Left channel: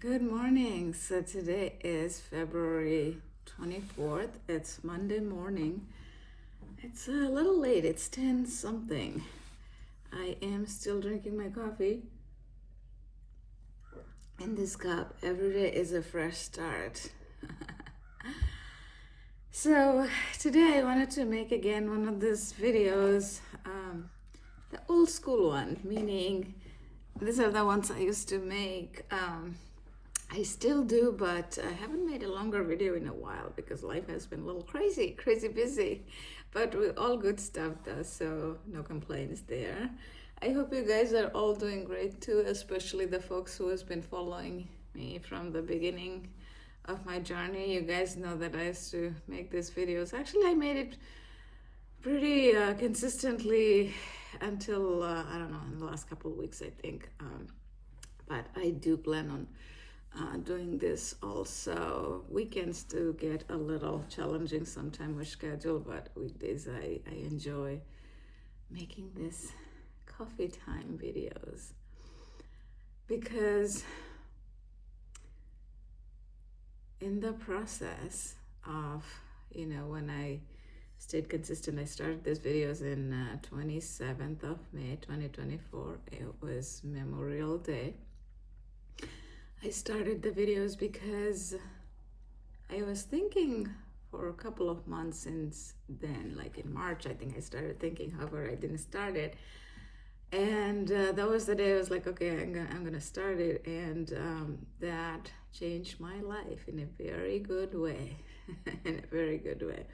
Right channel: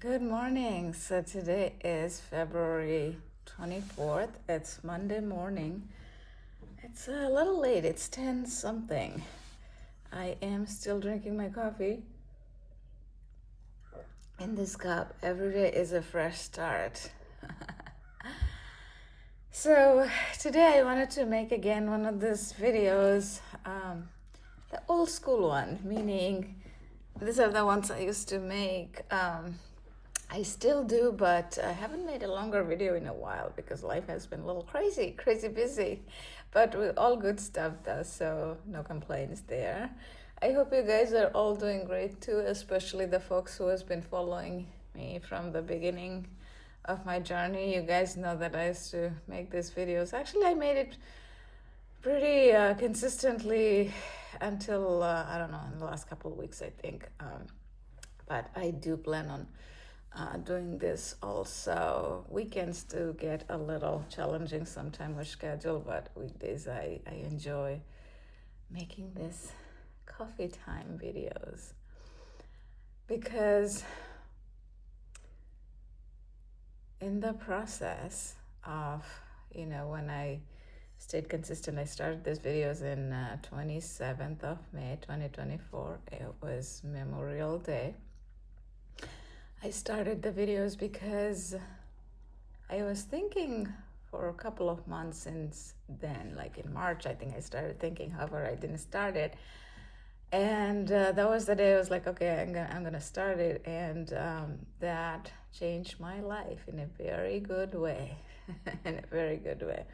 Good morning. So today is February 24th. It's Monday morning. It's a little late. It's 10 something. I am still drinking my coffee in this cup. Every day is a fresh start. So today I wanted to make again one of these videos, the old school one, meaning these are the ones I used to make. I still do, but I haven't made a longer video in a while because life has been a little crazy busy, but with all good stuff though, so no complaints there. I hope you guys are all doing great too, especially the folks who has been following me from the beginning of my journey. You guys know that I used to make these videos. Actually, I made it pretty consistently until I don't know, in the last couple of weeks, I think. But I do plan on doing this also. Weekends do get a little challenging sometimes with schedule, but weekdays I enjoy making this coffee time videos because in the process of, when I stayed consistent, I started these videos in 27th of May 2024. It was Memorial Day. I started the videos because I was thinking for a couple of months since then, like in March, I think I started thinking, however, I didn't start it. And that was the day I was like, okay, I'm gonna start it. And that changed my life in a very good way, in a very good way.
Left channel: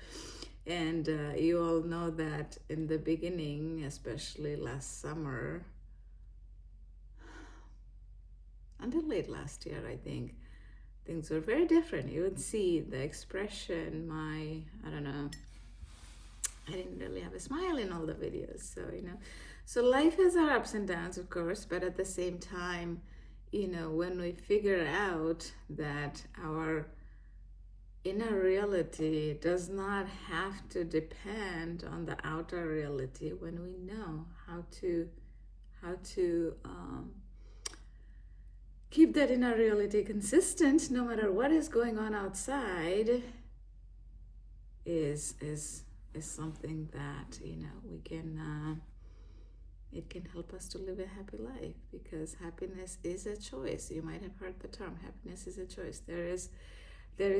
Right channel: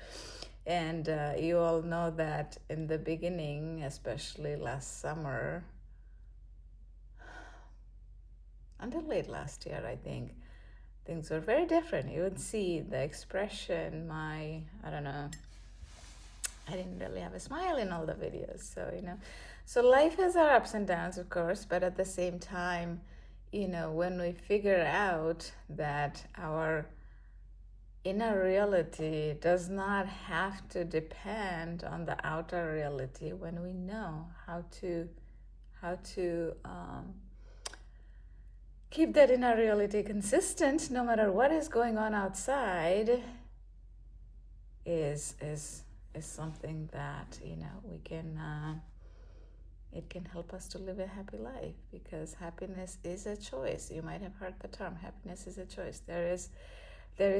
And you all know that in the beginning, especially last summer, until late last year, I think, things were very different. You would see the expression, I don't know, I didn't really have a smile in all the videos. So life has our ups and downs, of course, but at the same time, when we figure out that our inner reality does not have to depend on the outer reality, when we know how to keep that inner reality consistent no matter what is going on outside, is something that we can it can help us to live a happy life, because happiness is a choice. You might have heard the term happiness is a choice. There is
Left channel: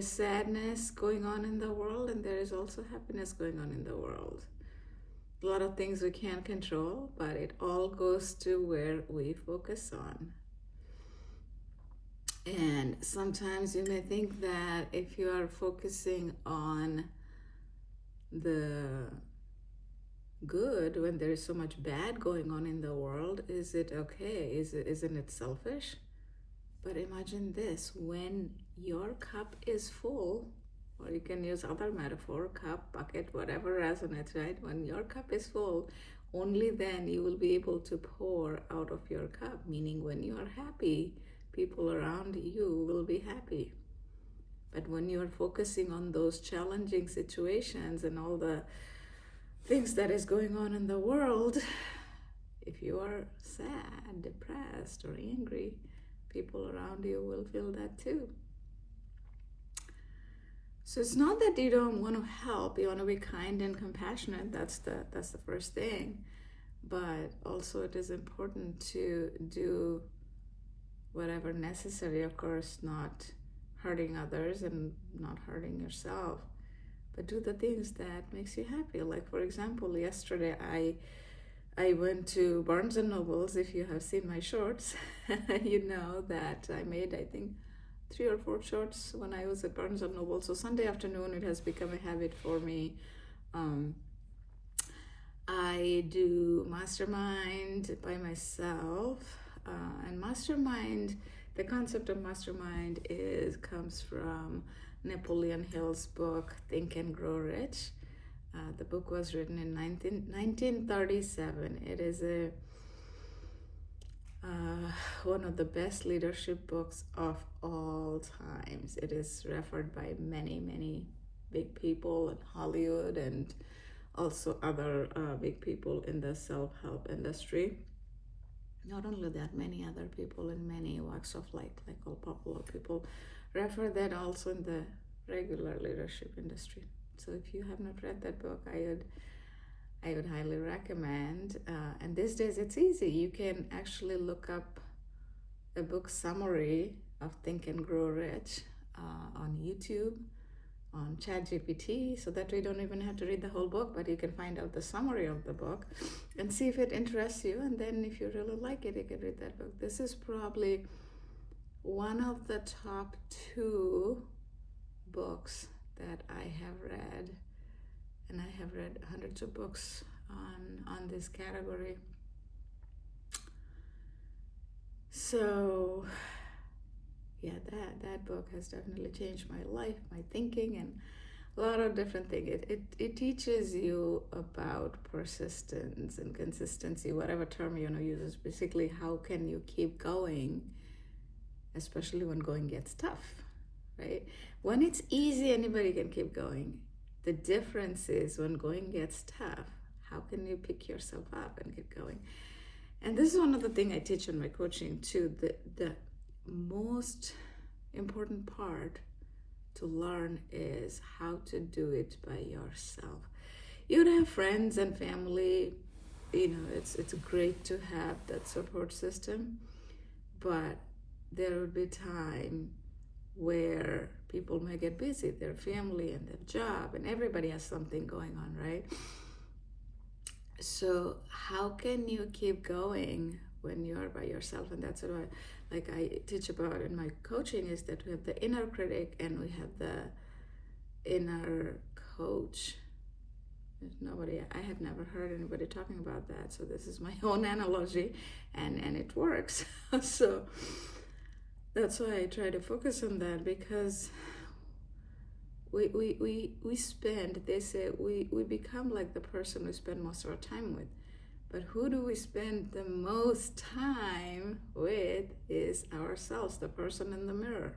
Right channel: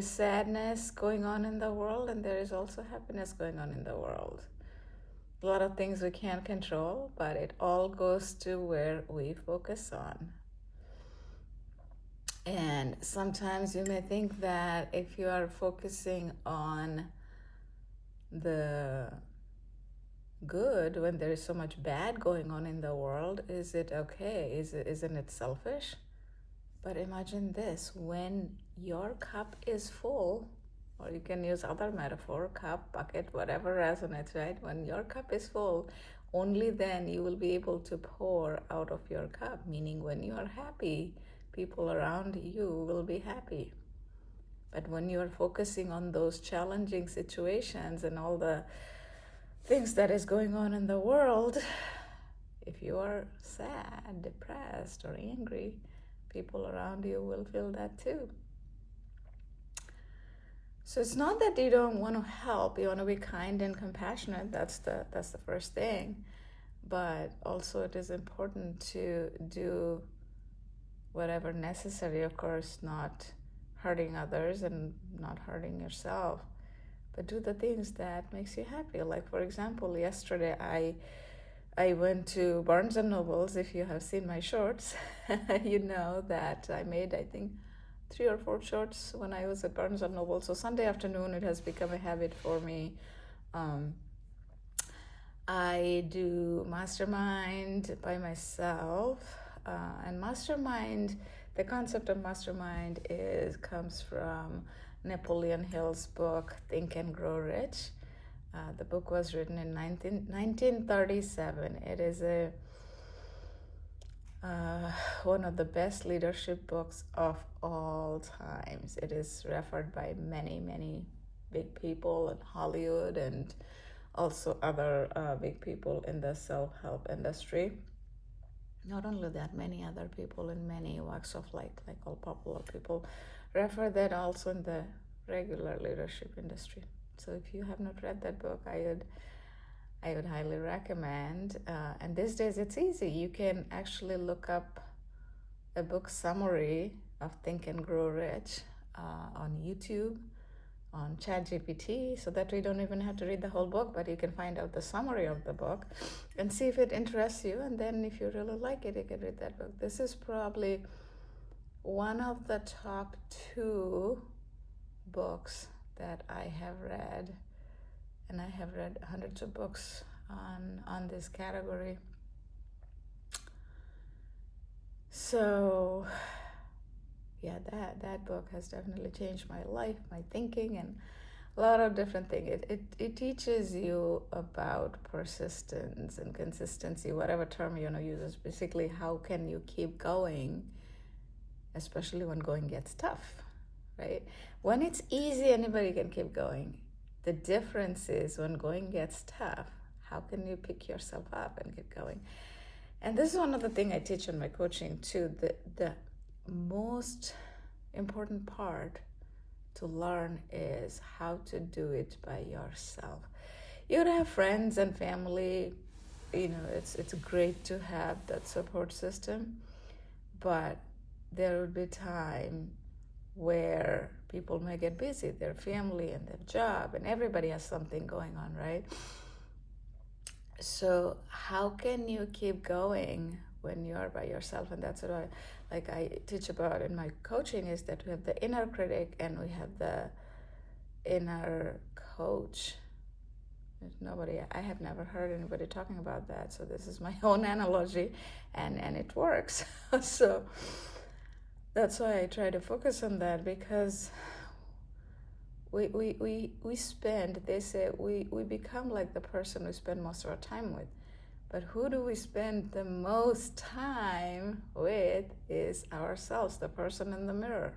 sadness going on in the world, and there is also happiness going on in the world. A lot of things we can't control, but it all goes to where we focus on. And sometimes you may think that if you are focusing on the good when there is so much bad going on in the world, is it okay? Isn't it selfish? But imagine this: when your cup is full, or you can use other metaphor, cup, bucket, whatever resonates, right? When your cup is full, only then you will be able to pour out of your cup, meaning when you are happy, people around you will be happy. But when you are focusing on those challenging situations and all the things that is going on in the world, if you are sad, depressed, or angry, people around you will feel that too. So it's not that you don't want to help, you want to be kind and compassionate. That's the first thing. But also it is important to do whatever necessary, of course, not hurting others and not hurting yourself, but do the things that makes you happy. Like, for example, yesterday I went to Barnes and Nobles. If you have seen my shorts, you know that I made, I think, 3 or 4 shorts when I was at Barnes and Noble. So Sunday afternoon, it has become a habit for me. I do mastermind by myself, and mastermind, the concept of mastermind comes from Napoleon Hill's book, Think and Grow Rich. The book was written in 1937. It is one of the best leadership books of all times. It is referred by many big people in Hollywood and also other big people in the self-help industry. Not only that, many other people in many walks of life, like all popular people, refer that also in the regular leadership industry. So if you have not read that book, I would highly recommend. And these days it's easy. You can actually look up a book summary of Think and Grow Rich on YouTube, on ChatGPT, so that we don't even have to read the whole book, but you can find out the summary of the book and see if it interests you. And then if you really like it, you can read that book. This is probably one of the top 2 books that I have read, and I have read hundreds of books on this category. So yeah, that book has definitely changed my life, my thinking, and a lot of different things. It teaches you about persistence and consistency, whatever term you want to use. Is basically how can you keep going, especially when going gets tough, right? When it's easy, anybody can keep going. The difference is when going gets tough, how can you pick yourself up and get going? And this is one of the things I teach in my coaching too. The most important part to learn is how to do it by yourself. You would have friends and family, it's great to have that support system, but there would be time where people may get busy, their family and their job, and everybody has something going on, right? So how can you keep going when you're by yourself? And that's what I teach about in my coaching, is that we have the inner critic and we have the inner coach. I have never heard anybody talking about that, so this is my own analogy, and it works. So that's why I try to focus on that, because we spend, they say, we become like the person we spend most of our time with. But who do we spend the most time with is ourselves, the person in the mirror.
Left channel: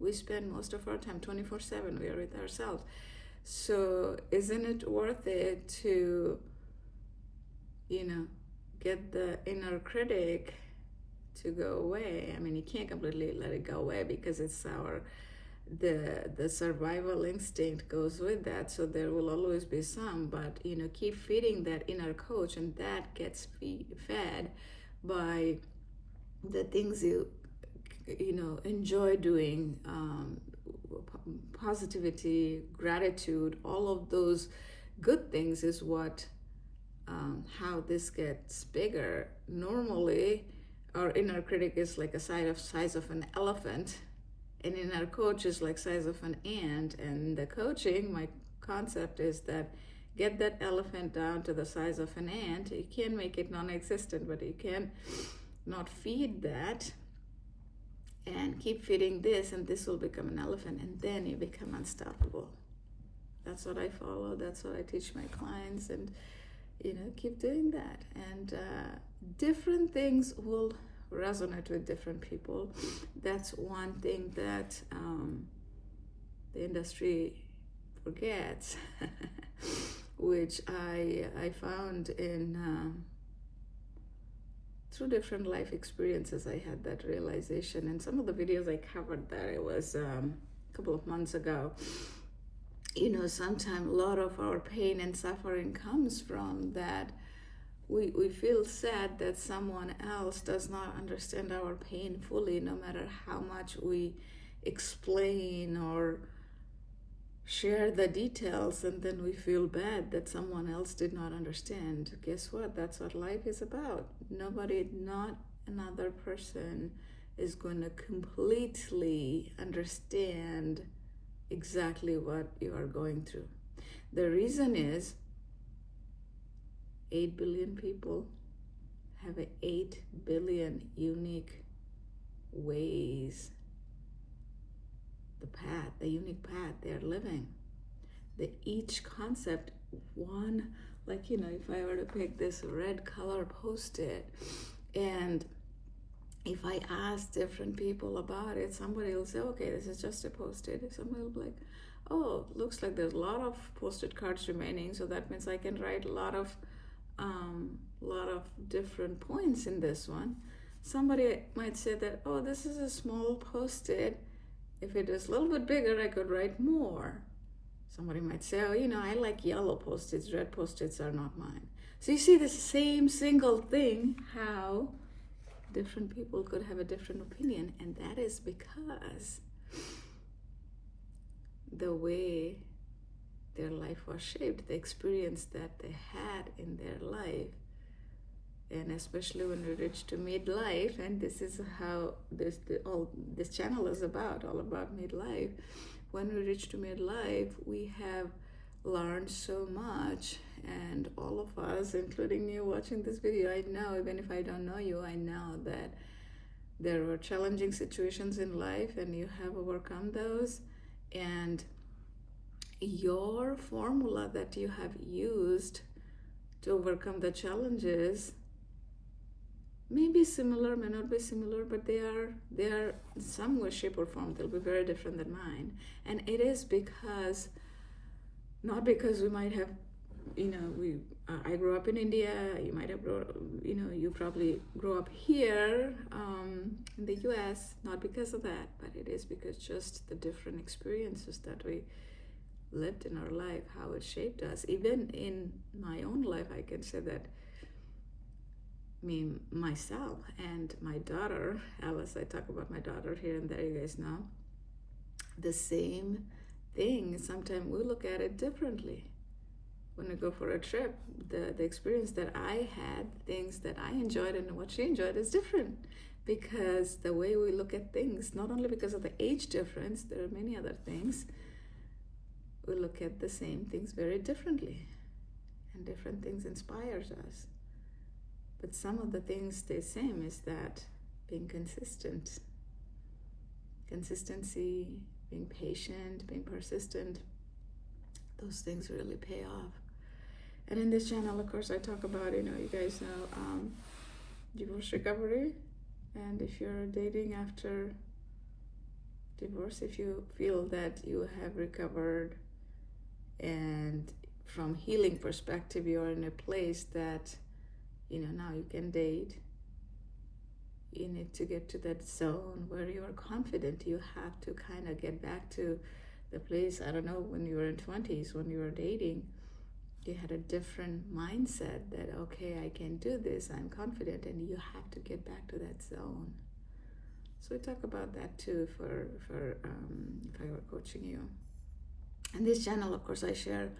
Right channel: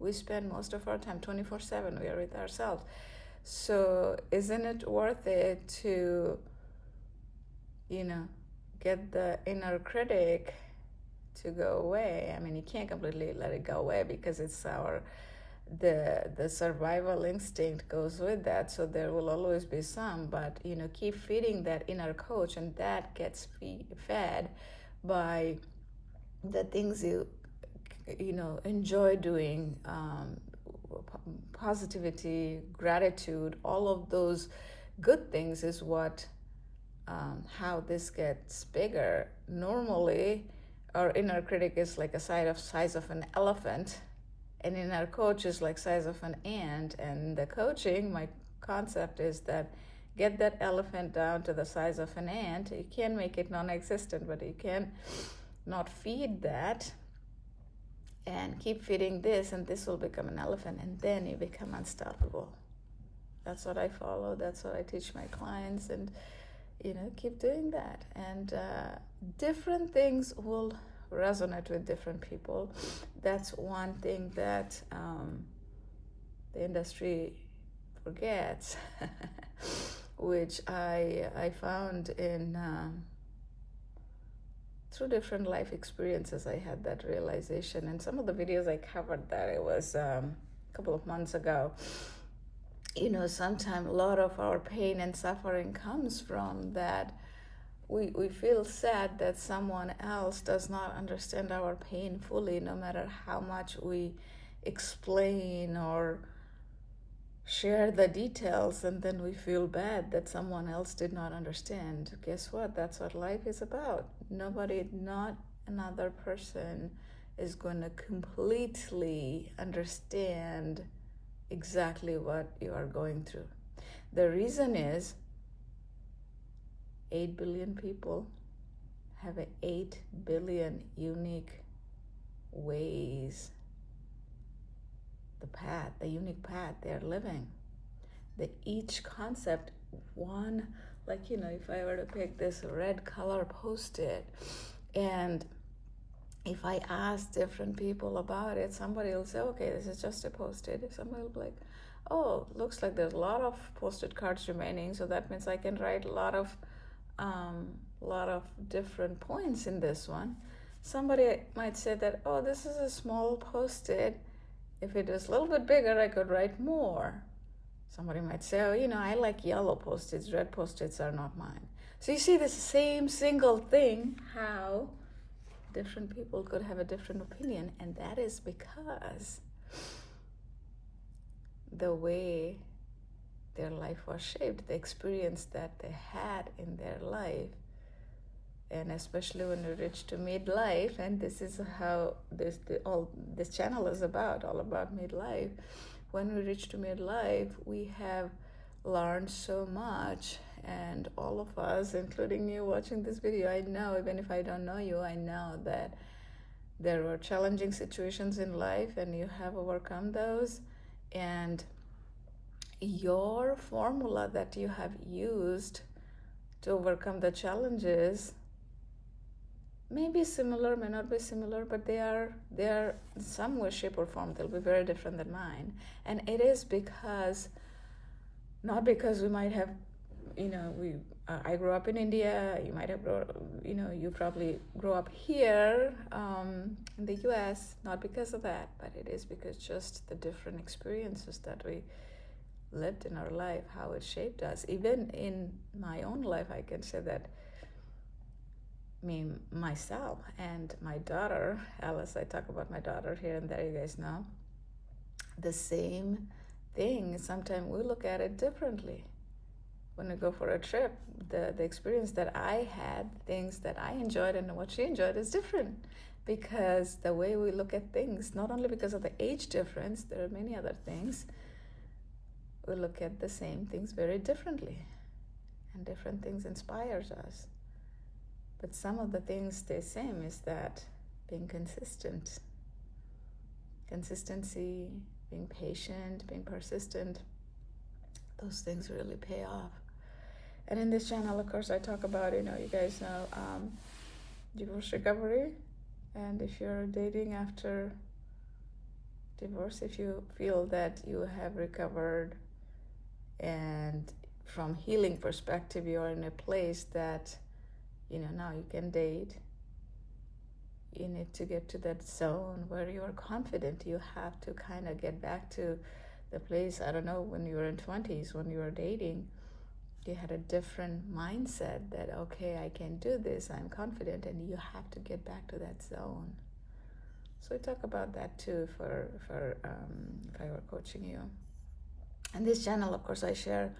We spend most of our time, 24/7, we are with ourselves. So isn't it worth it to, get the inner critic to go away? I mean, you can't completely let it go away, because it's the survival instinct goes with that, so there will always be some, but keep feeding that inner coach, and that gets fed by the things you enjoy doing, positivity, gratitude, all of those good things is what how this gets bigger. Normally our inner critic is like a size of an elephant, and inner coach is like size of an ant. And the coaching, my concept is that get that elephant down to the size of an ant. You can make it non-existent, but you can not feed that and keep feeding this, and this will become an elephant, and then you become unstoppable. That's what I follow. That's what I teach my clients, and keep doing that. And different things will resonate with different people. That's one thing that the industry forgets, which I found in through different life experiences. I had that realization, and some of the videos I covered that, it was a couple of months ago. Sometimes a lot of our pain and suffering comes from that we feel sad that someone else does not understand our pain fully, no matter how much we explain or share the details, and then we feel bad that someone else did not understand. Guess what? That's what life is about. Not another person is going to completely understand exactly what you are going through. The reason is 8 billion people have 8 billion unique ways, the unique path they're living. Each concept, one, like, if I were to pick this red color Post-it, and if I ask different people about it, somebody will say, okay, this is just a Post-it. Somebody will be like, oh, looks like there's a lot of Post-it cards remaining, so that means I can write a lot of a lot of different points in this one. Somebody might say that, oh, this is a small post-it. If it was a little bit bigger, I could write more. Somebody might say, oh, I like yellow post-its. Red post-its are not mine. So you see the same single thing, how different people could have a different opinion. And that is because the way their life was shaped, the experience that they had in their life, and especially when we reach to midlife, and this is how this channel is all about midlife. When we reach to midlife, we have learned so much, and all of us, including you watching this video, I know, even if I don't know you, I know that there were challenging situations in life and you have overcome those, and your formula that you have used to overcome the challenges may be similar, may not be similar, but they are in some way, shape, or form, they'll be very different than mine. And it is because, not because we might have, I grew up in India, you might have you probably grew up here in the US, not because of that, but it is because just the different experiences that we lived in our life, how it shaped us. Even in my own life, I can say that myself and my daughter, Alice, I talk about my daughter here and there, you guys know, the same thing. Sometimes we look at it differently. When we go for a trip, the experience that I had, things that I enjoyed and what she enjoyed is different, because the way we look at things, not only because of the age difference, there are many other things, we look at the same things very differently, and different things inspires us. But some of the things stay same, is that being consistent, consistency, being patient, being persistent, those things really pay off. And in this channel, of course, I talk about, you guys know, divorce recovery. And if you're dating after divorce, if you feel that you have recovered and from healing perspective, you're in a place that now you can date, you need to get to that zone where you are confident. You have to kind of get back to the place, I don't know, when you were in 20s, when you were dating, you had a different mindset that, okay, I can do this, I'm confident, and you have to get back to that zone. So we talk about that too for if I were coaching you. And this channel, of course, I share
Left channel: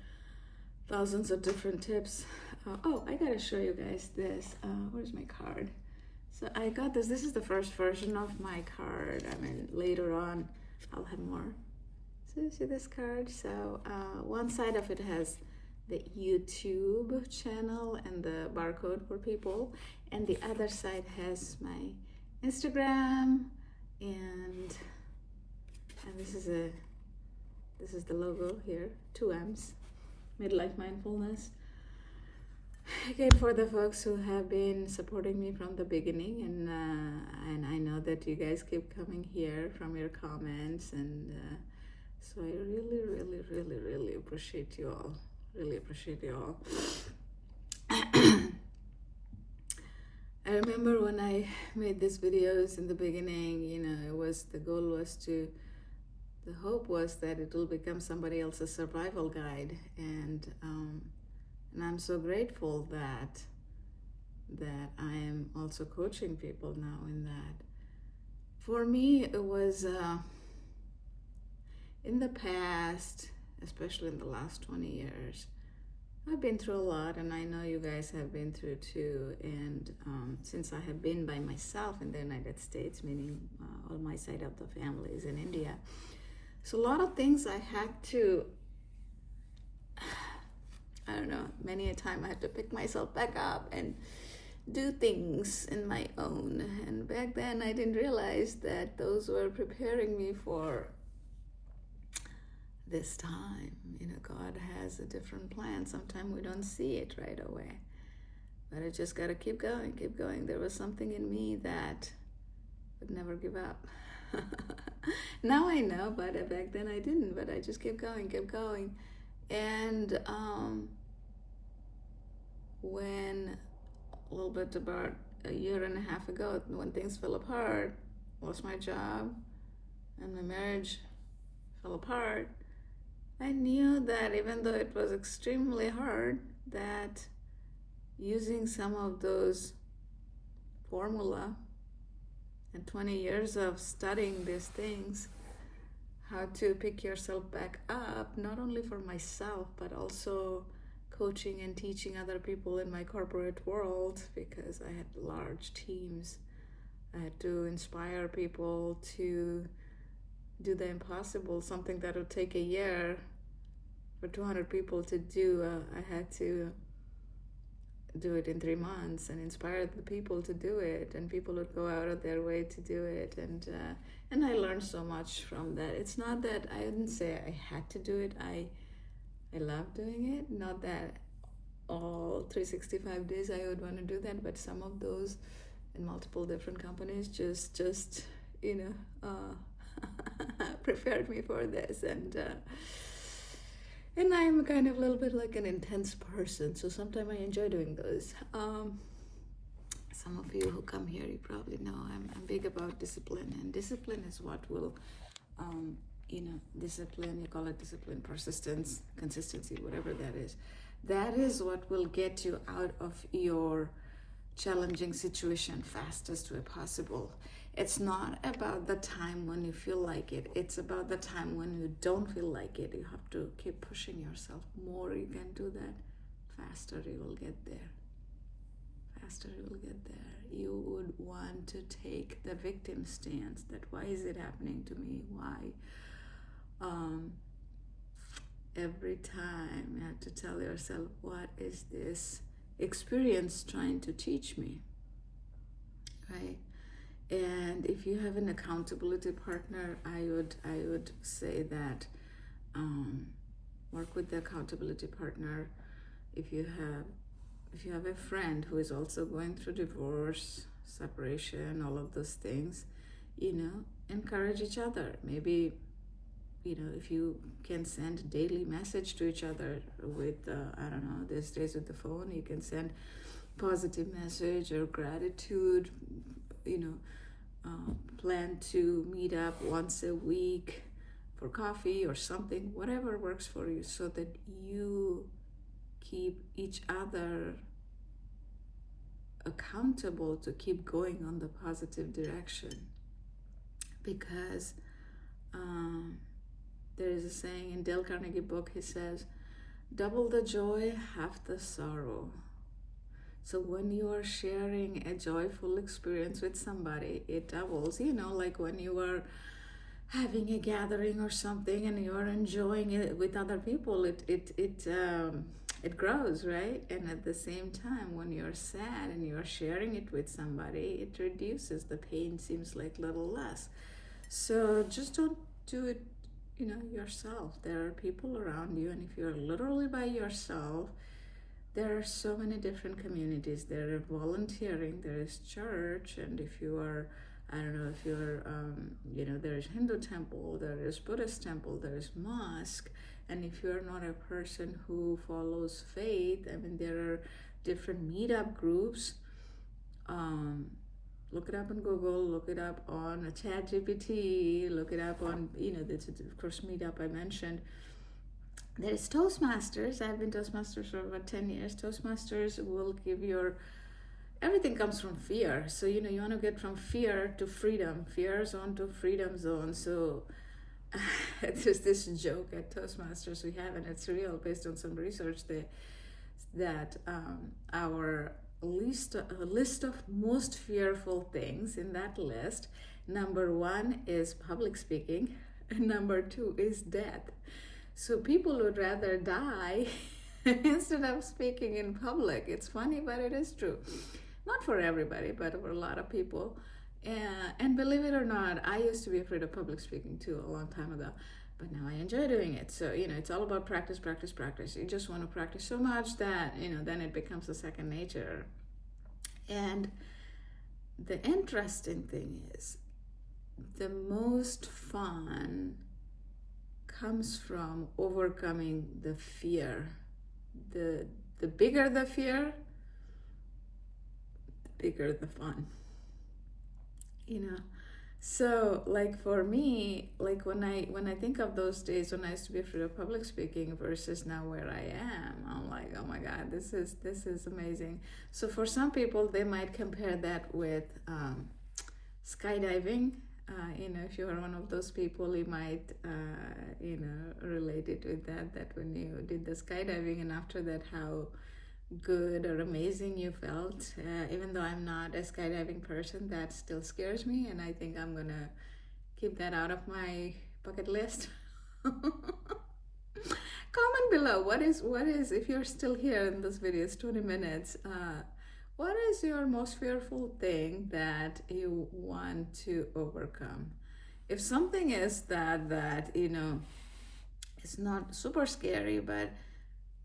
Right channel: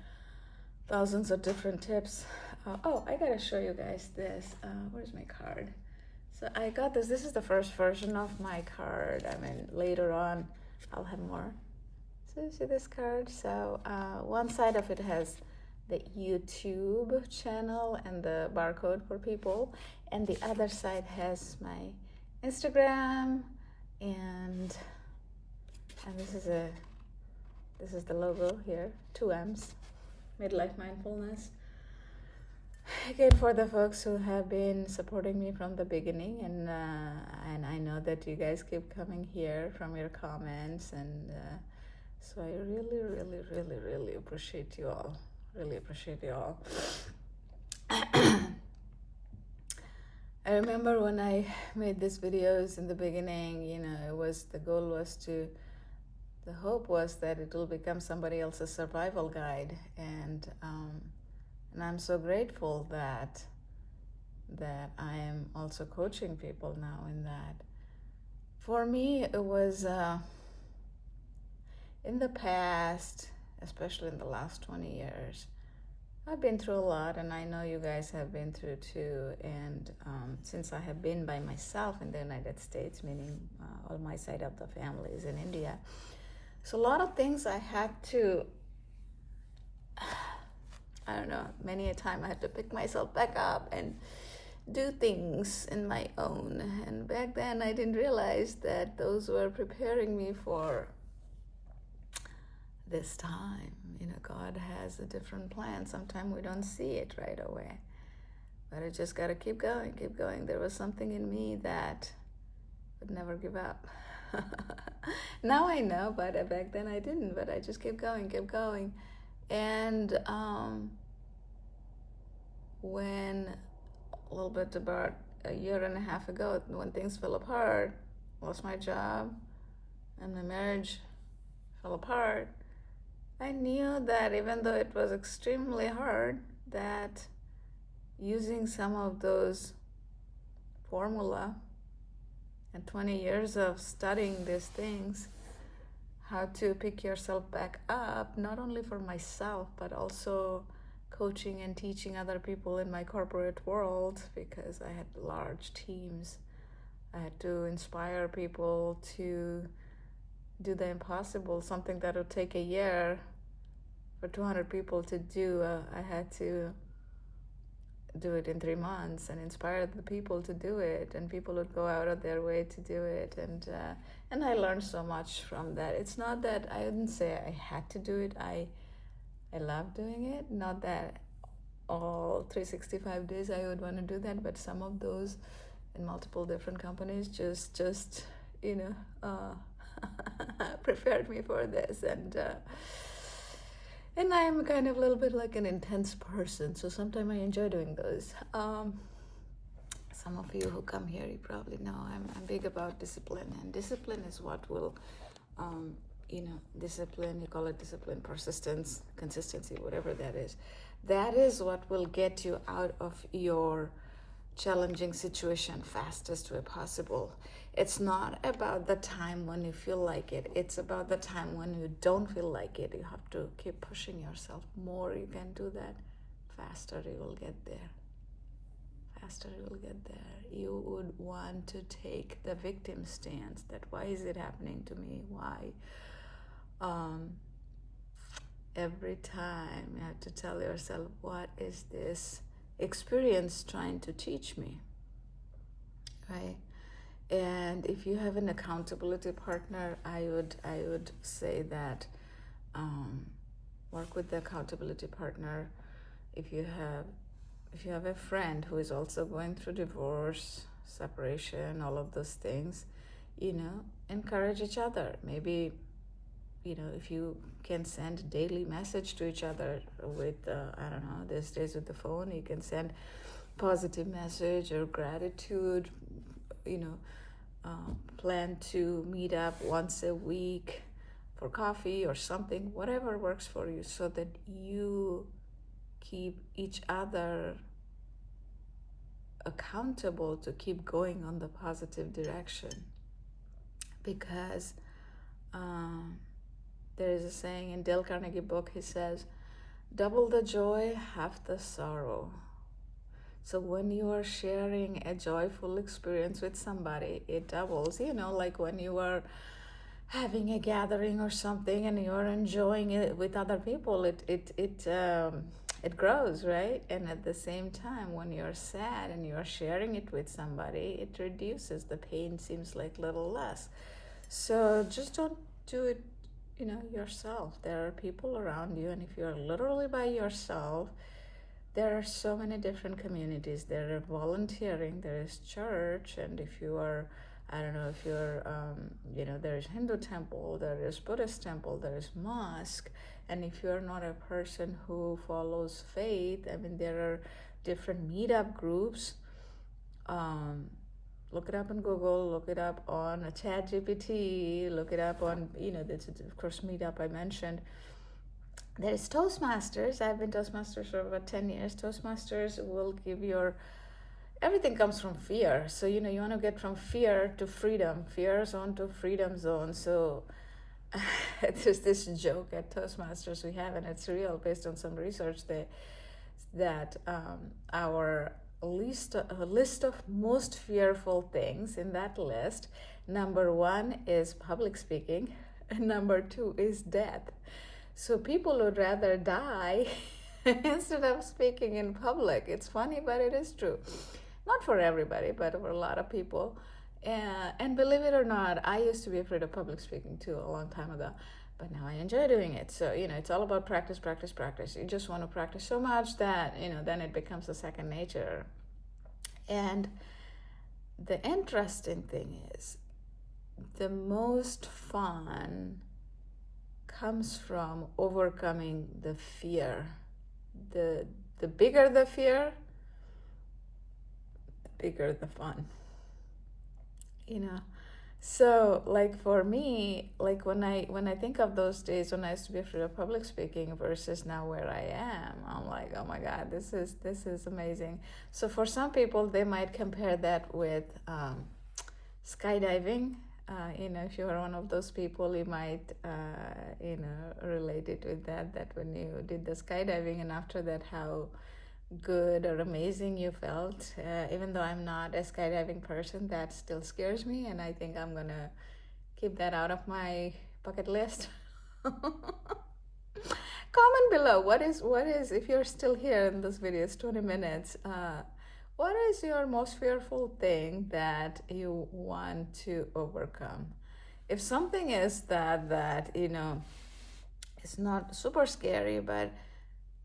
thousands of different tips. I gotta show you guys this. Where's my card? So I got this. This is the first version of my card. Later on, I'll have more. So you see this card? So one side of it has the YouTube channel and the barcode for people, and the other side has my Instagram, and this is the logo here, 2 M's, Midlife Mindfulness. Again, for the folks who have been supporting me from the beginning, and I know that you guys keep coming here from your comments, and so I really, really, really, really appreciate you all. Really appreciate you all. I remember when I made these videos in the beginning, the hope was that it will become somebody else's survival guide, and I'm so grateful that I am also coaching people now in that. For me, it was in the past, especially in the last 20 years, I've been through a lot, and I know you guys have been through too. And since I have been by myself in the United States, meaning all my side of the family is in India, so a lot of things I had to, I don't know, many a time I had to pick myself back up and do things in my own. And back then I didn't realize that those were preparing me for this time. God has a different plan. Sometimes we don't see it right away, but I just got to keep going, keep going. There was something in me that would never give up. Now I know, but back then I didn't, but I just kept going, kept going. And when a little bit about a year and a half ago when things fell apart, lost my job, and my marriage fell apart. I knew that even though it was extremely hard, that using some of those formula and 20 years of studying these things, how to pick yourself back up, not only for myself, but also coaching and teaching other people in my corporate world, because I had large teams. I had to inspire people to do the impossible, something that would take a year for 200 people to do. I had to do it in 3 months and inspire the people to do it, and people would go out of their way to do it, and I learned so much from that. It's not that I didn't say I had to do it. I love doing it. Not that all 365 days I would want to do that, but some of those in multiple different companies just prepared me for this, and I'm kind of a little bit like an intense person, so sometimes I enjoy doing those. Some of you who come here, you probably know I'm big about discipline, and discipline is what will, discipline, you call it discipline, persistence, consistency, whatever that is. That is what will get you out of your challenging situation fastest way possible. It's not about the time when you feel like it. It's about the time when you don't feel like it. You have to keep pushing yourself. More you can do that, faster you will get there. Faster you will get there. You would want to take the victim stance, that why is it happening to me? Why? Every time you have to tell yourself, what is this experience trying to teach me, right? And if you have an accountability partner, I would say that work with the accountability partner. If you have a friend who is also going through divorce, separation, all of those things, encourage each other. Maybe, if you can send a daily message to each other with, these days with the phone, you can send positive message or gratitude, plan to meet up once a week for coffee or something, whatever works for you, so that you keep each other accountable to keep going on the positive direction. Because there is a saying in Dale Carnegie book, he says, double the joy, half the sorrow. So when you are sharing a joyful experience with somebody, it doubles. Like when you are having a gathering or something and you are enjoying it with other people, it grows, right? And at the same time, when you're sad and you're sharing it with somebody, it reduces. The pain seems like a little less. So just don't do it, yourself. There are people around you, and if you're literally by yourself, there are so many different communities. There are volunteering, there is church, and if you are, there is Hindu temple, there is Buddhist temple, there is mosque, and if you're not a person who follows faith, there are different meetup groups. Look it up on Google, look it up on ChatGPT, look it up on, of course, meetup I mentioned. There's Toastmasters. I've been Toastmasters for about 10 years. Toastmasters will give everything comes from fear. So, you want to get from fear to freedom, fear zone to freedom zone. So there's this joke at Toastmasters we have, and it's real based on some research that our list of most fearful things in that list, number 1 is public speaking, and number 2 is death. So people would rather die instead of speaking in public. It's funny, but it is true. Not for everybody, but for a lot of people. And believe it or not, I used to be afraid of public speaking too a long time ago, but now I enjoy doing it. So, it's all about practice, practice, practice. You just want to practice so much that, then it becomes a second nature. And the interesting thing is, the most fun comes from overcoming the fear. The bigger the fear, bigger the fun, you know. So like for me, like when I think of those days when I used to be afraid of public speaking versus now where I am, I'm like, oh my God, this is amazing. So for some people, they might compare that with skydiving. If you are one of those people, you might relate it with that. That when you did the skydiving and after that, how good or amazing you felt. Even though I'm not a skydiving person, that still scares me, and I think I'm gonna keep that out of my bucket list. Comment below what is if you're still here in this video, it's 20 minutes. What is your most fearful thing that you want to overcome? If something is that it's not super scary, but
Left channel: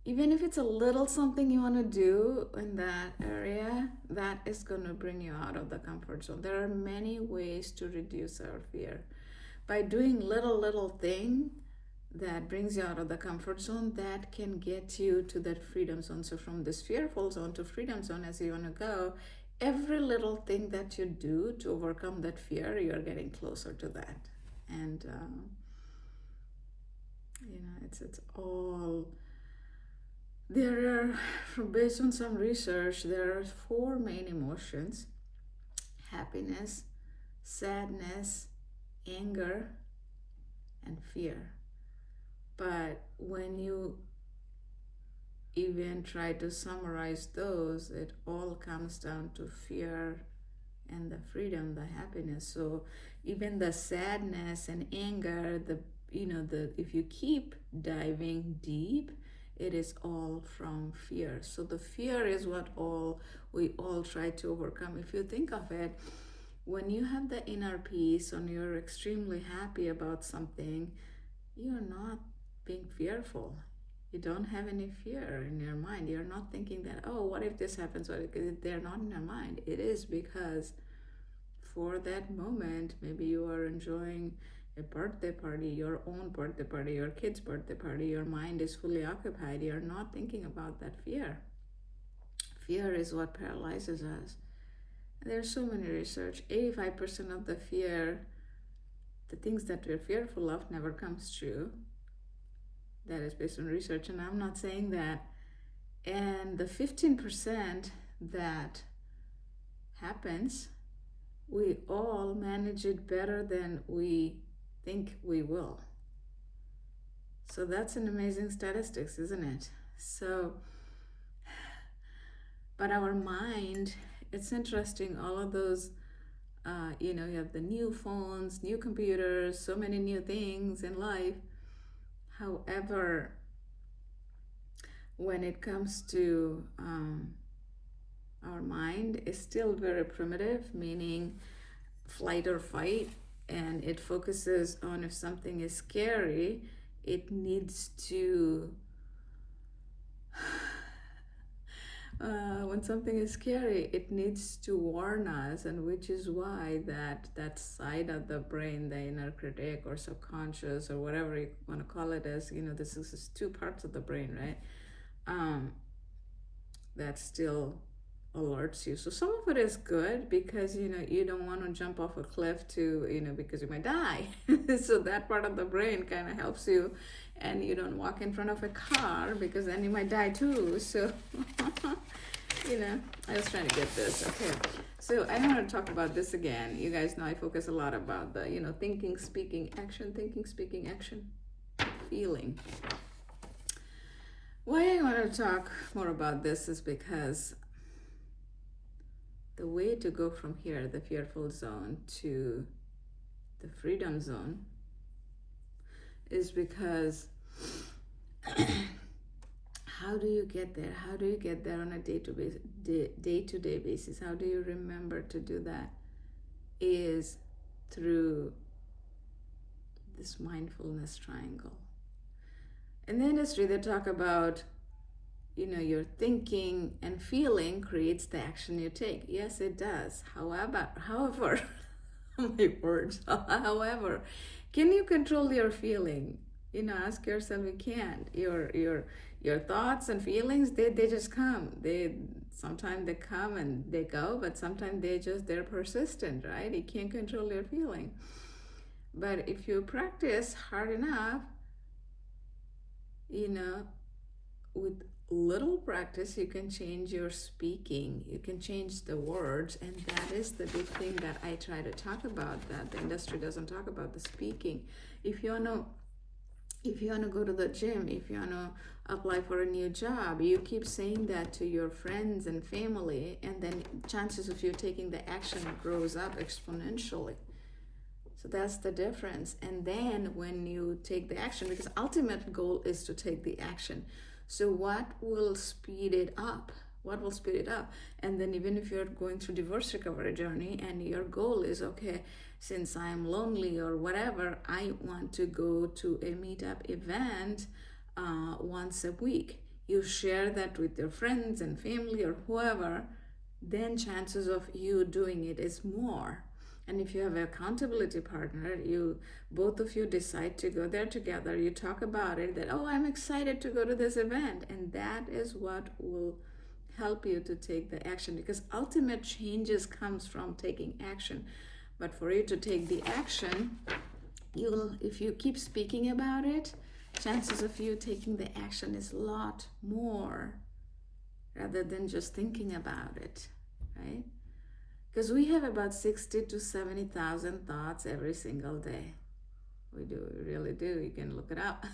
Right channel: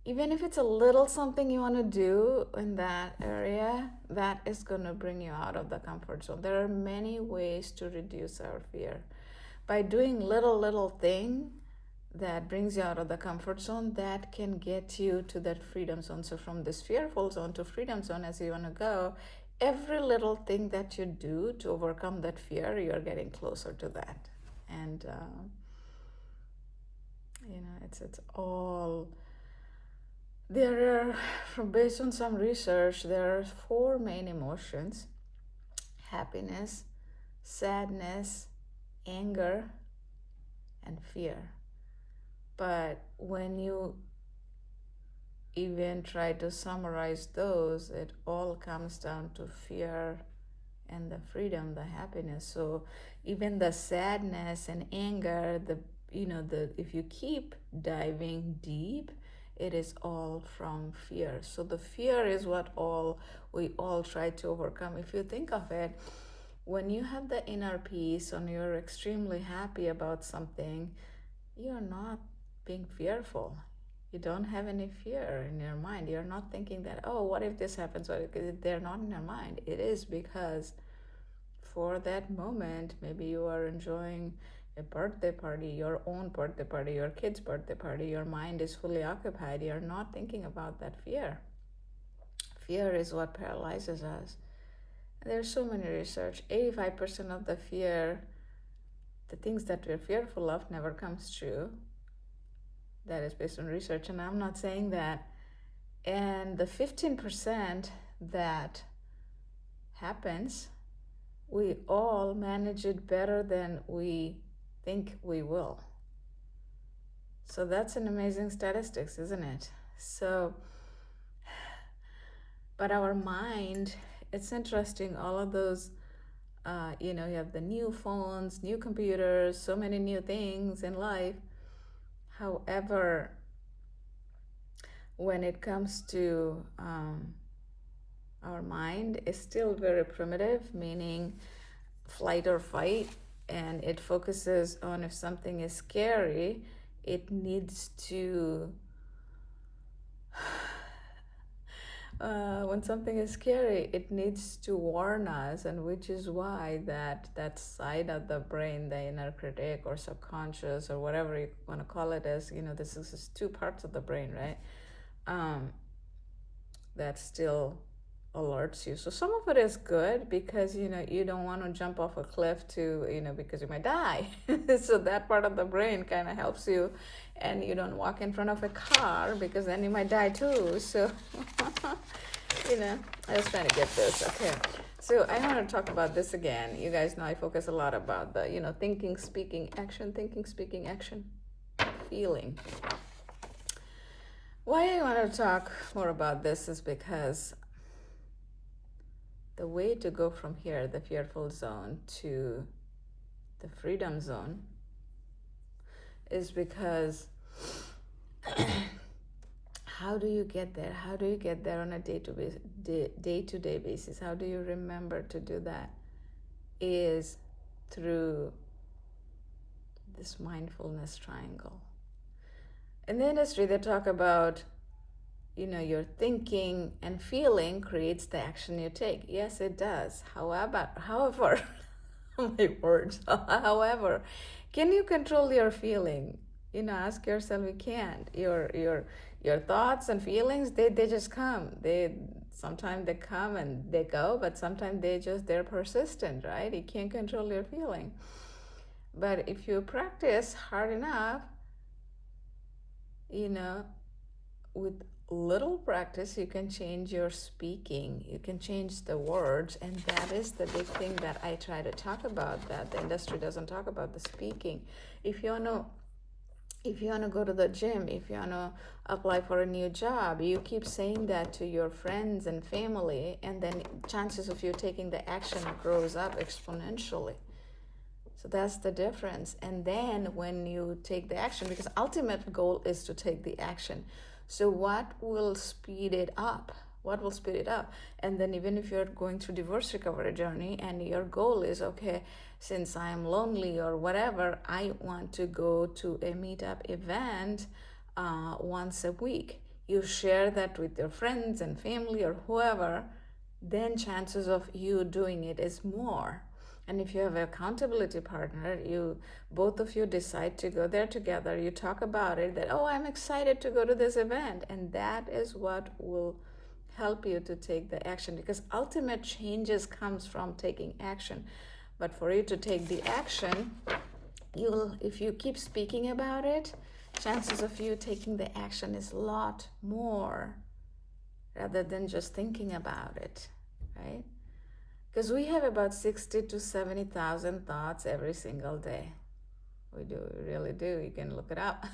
even if it's a little something you want to do in that area, that is going to bring you out of the comfort zone. There are many ways to reduce our fear. By doing little thing that brings you out of the comfort zone, that can get you to that freedom zone. So from this fearful zone to freedom zone, as you want to go, every little thing that you do to overcome that fear, you're getting closer to that. And it's all there are, based on some research, there are 4 main emotions: happiness, sadness, anger, and fear. But when you even try to summarize those, it all comes down to fear and the freedom, the happiness. So even the sadness and anger, if you keep diving deep, it is all from fear. So the fear is what we all try to overcome. If you think of it, when you have the inner peace and you're extremely happy about something, you're not being fearful. You don't have any fear in your mind. You're not thinking that, oh, what if this happens? They're not in your mind. It is because for that moment, maybe you are enjoying a birthday party, your own birthday party, your kid's birthday party, your mind is fully occupied. You're not thinking about that fear. Fear is what paralyzes us. There's so many research. 85% of the fear, the things that we're fearful of, never comes true. That is based on research, and I'm not saying that. And the 15% that happens, we all manage it better than we think we will. So that's an amazing statistics, isn't it? So, but our mind, it's interesting, all of those, you have the new phones, new computers, so many new things in life. However, when it comes to our mind, is still very primitive, meaning flight or fight, and it focuses on if something is scary, it needs to when something is scary, it needs to warn us, and which is why that side of the brain, the inner critic or subconscious or whatever you want to call it, as this is 2 parts of the brain, right? That still alerts you. So some of it is good because you don't want to jump off a cliff because you might die. So that part of the brain kind of helps you, and you don't walk in front of a car because then you might die too. So I was trying to get this. Okay, so I want to talk about this again. You guys know I focus a lot about the thinking, speaking, action, feeling. Why I want to talk more about this is because the way to go from here, the fearful zone, to the freedom zone, is because how do you get there? How do you get there on a day-to-day basis? How do you remember to do that? Is through this mindfulness triangle. In the industry, they talk about your thinking and feeling creates the action you take. Yes, it does. However, my words. However, can you control your feeling? Ask yourself. You can't. Your thoughts and feelings, they just come. sometimes they come and they go, but sometimes they're persistent, right? You can't control your feeling. But if you practice hard enough, with little practice, you can change your speaking. You can change the words, and that is the big thing that I try to talk about, that the industry doesn't talk about, the speaking. If you want to go to the gym, if you want to apply for a new job, you keep saying that to your friends and family, and then chances of you taking the action grows up exponentially. So that's the difference. And then when you take the action, because ultimate goal is to take the action. So what will speed it up? What will speed it up? And then even if you're going through divorce recovery journey and your goal is, okay, since I'm lonely or whatever, I want to go to a meetup event once a week. You share that with your friends and family or whoever, then chances of you doing it is more. And if you have an accountability partner, both of you decide to go there together. You talk about it, that, oh, I'm excited to go to this event. And that is what will help you to take the action, because ultimate changes comes from taking action. But for you to take the action, if you keep speaking about it, chances of you taking the action is a lot more rather than just thinking about it, right? Because we have about 60 to 70,000 thoughts every single day. We really do. You can look it up.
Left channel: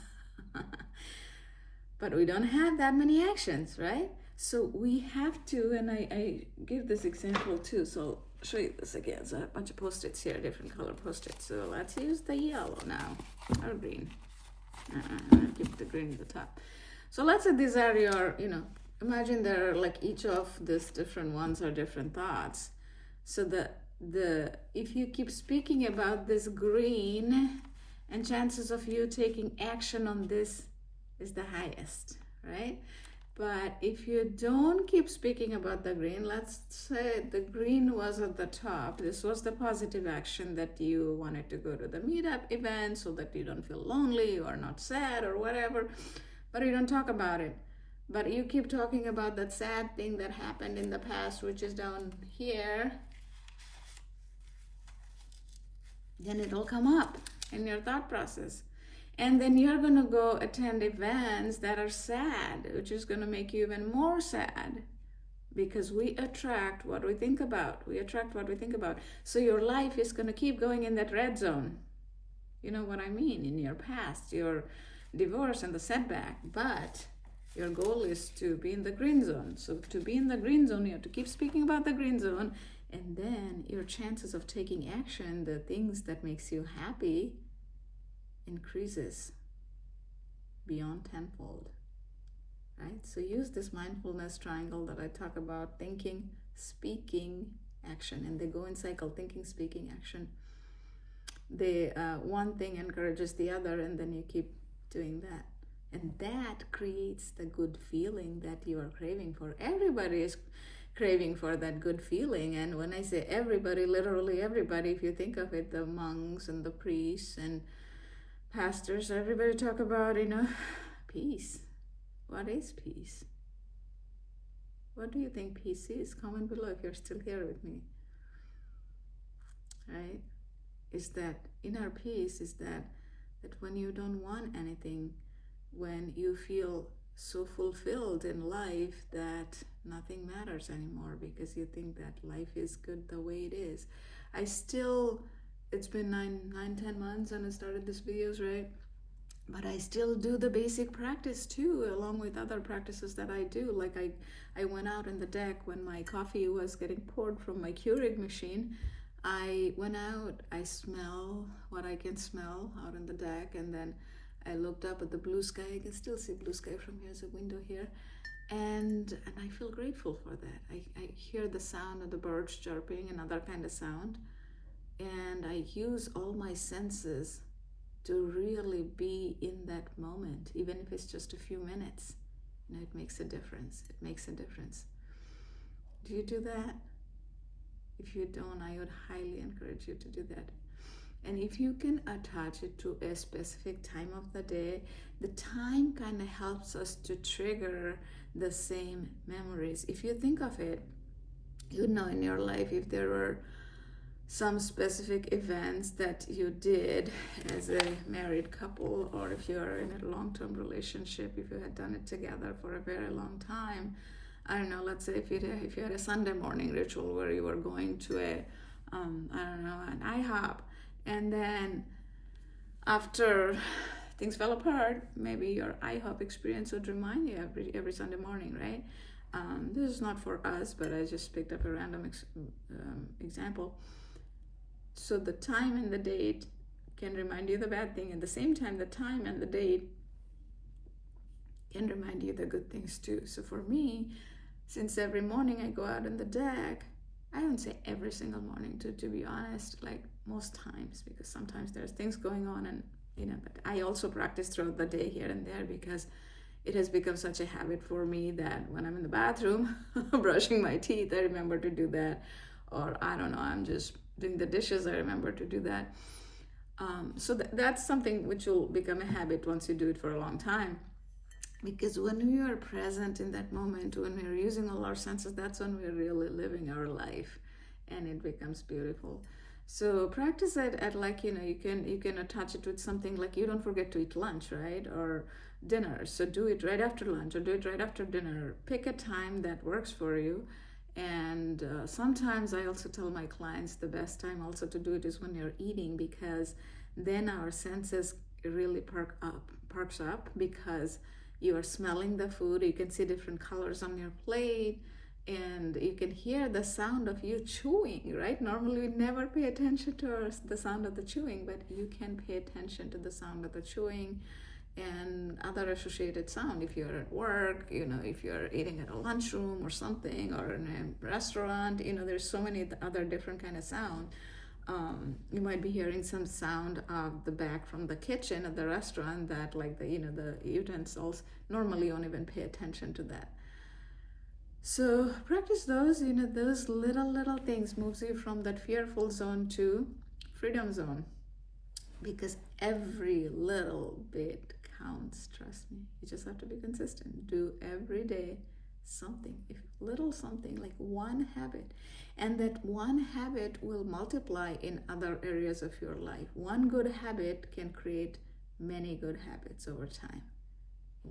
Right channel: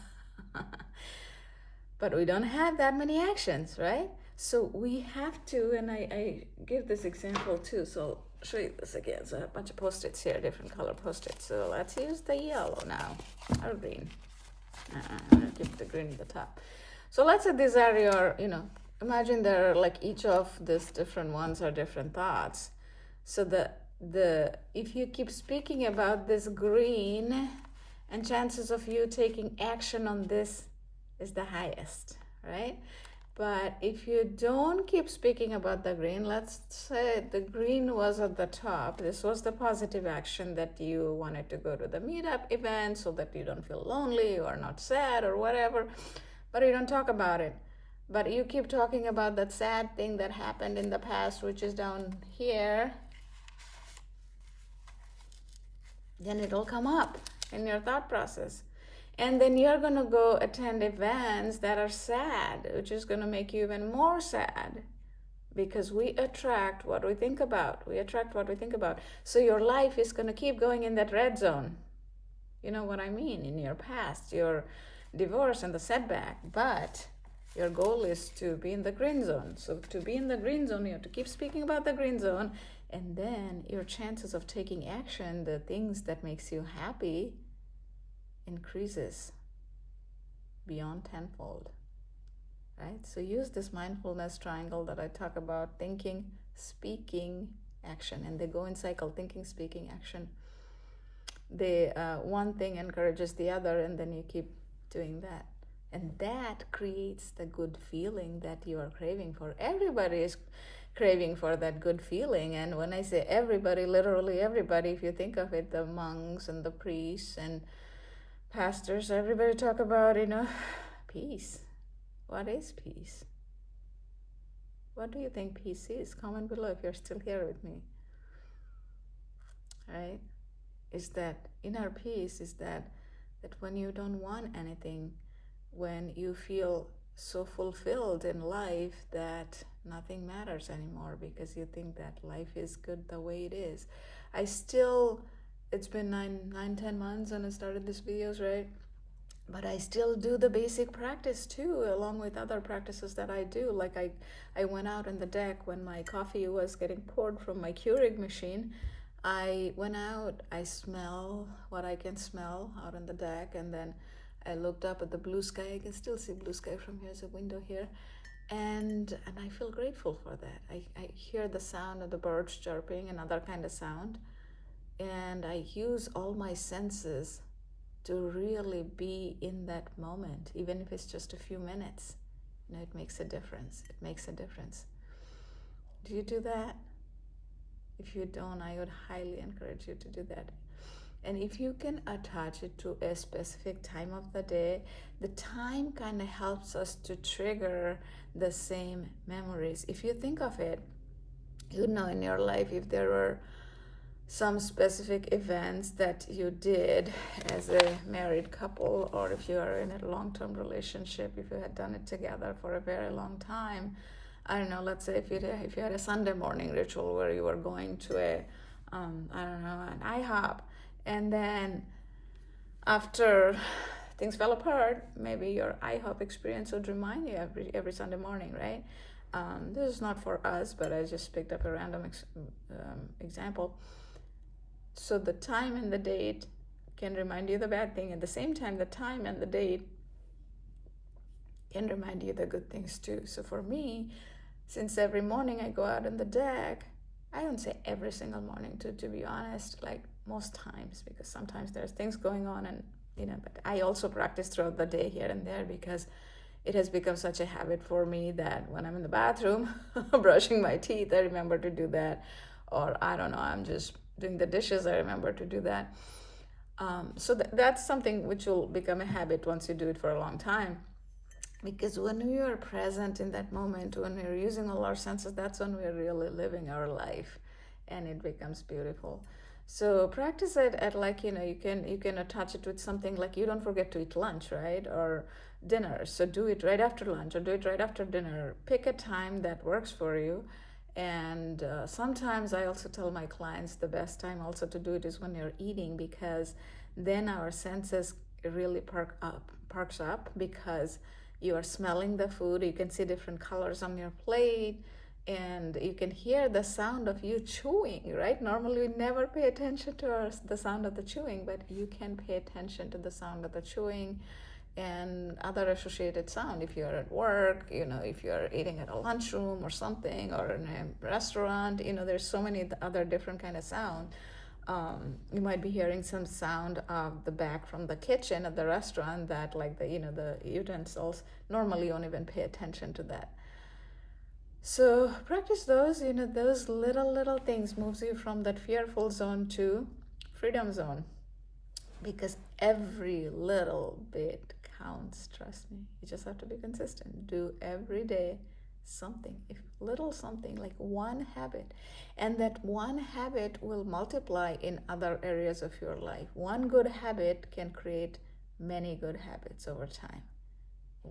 But we don't have that many actions, right? So we have to, and I give this example too. So I'll show you this again. So a bunch of Post-its here, different color Post-its. So let's use the yellow now, or green. I'm gonna keep the green at the top. So let's say these are your, imagine they're like each of these different ones are different thoughts. So if you keep speaking about this green, and chances of you taking action on this is the highest, right? But if you don't keep speaking about the green, let's say the green was at the top. This was the positive action that you wanted to go to the meetup event so that you don't feel lonely or not sad or whatever, but you don't talk about it. But you keep talking about that sad thing that happened in the past, which is down here, then it'll come up in your thought process. And then you're going to go attend events that are sad, which is going to make you even more sad, because we attract what we think about. So your life is going to keep going in that red zone. You know what I mean? In your past, your divorce and the setback. But your goal is to be in the green zone. So to be in the green zone, you have to keep speaking about the green zone. And then your chances of taking action, the things that makes you happy, increases beyond tenfold, right? So use this mindfulness triangle that I talk about: thinking, speaking, action. And they go in cycle: thinking, speaking, action. One thing encourages the other, and then you keep doing that. And that creates the good feeling that you are craving for. Everybody is craving for that good feeling. And when I say everybody, literally everybody, if you think of it, the monks and the priests and pastors, everybody talk about, peace. What is peace? What do you think peace is? Comment below if you're still here with me. Right? Is that inner peace, is that when you don't want anything, when you feel so fulfilled in life that nothing matters anymore, because you think that life is good the way it is. It's been 9-10 months and I started these videos, right? But I still do the basic practice too, along with other practices that I do. Like I went out on the deck when my coffee was getting poured from my Keurig machine. I went out, I smell what I can smell out on the deck, and then I looked up at the blue sky. I can still see blue sky from here. There's a window here. And I feel grateful for that. I hear the sound of the birds chirping, another kind of sound. And I use all my senses to really be in that moment, even if it's just a few minutes. It makes a difference. It makes a difference. Do you do that? If you don't, I would highly encourage you to do that. And if you can attach it to a specific time of the day, the time kind of helps us to trigger the same memories. If you think of it, you know, in your life, if there were some specific events that you did as a married couple, or if you are in a long-term relationship, if you had done it together for a very long time, I don't know, let's say if you had a Sunday morning ritual where you were going to a I don't know, an IHOP, and then after things fell apart, maybe your IHOP experience would remind you every Sunday morning, right? This is not for us, but I just picked up a random example. So the time and the date can remind you the bad thing. At the same time, the time and the date can remind you the good things too. So for me, since every morning I go out on the deck, I don't say every single morning, to be honest, like most times, because sometimes there's things going on, and but I also practice throughout the day here and there, because it has become such a habit for me that when I'm in the bathroom brushing my teeth, I remember to do that. Or I don't know, I'm just doing the dishes, I remember to do that. So that's something which will become a habit once you do it for a long time. Because when we are present in that moment, when we're using all our senses, that's when we're really living our life, and it becomes beautiful. So practice it at, like, you can attach it with something like, you don't forget to eat lunch, right? Or dinner. So do it right after lunch, or do it right after dinner. Pick a time that works for you. And sometimes I also tell my clients the best time also to do it is when you're eating, because then our senses really perks up, because you are smelling the food, you can see different colors on your plate, and you can hear the sound of you chewing, right? Normally we never pay attention to the sound of the chewing, but you can pay attention to the sound of the chewing and other associated sound. If you're at work, if you're eating at a lunchroom or something, or in a restaurant, there's so many other different kind of sound. You might be hearing some sound of the back from the kitchen at the restaurant that, like, the utensils, normally you don't even pay attention to that. So practice those, those little things moves you from that fearful zone to freedom zone, because every little bit counts, trust me. You just have to be consistent. Do every day something, if little something, like one habit, and that one habit will multiply in other areas of your life. One good habit can create many good habits over time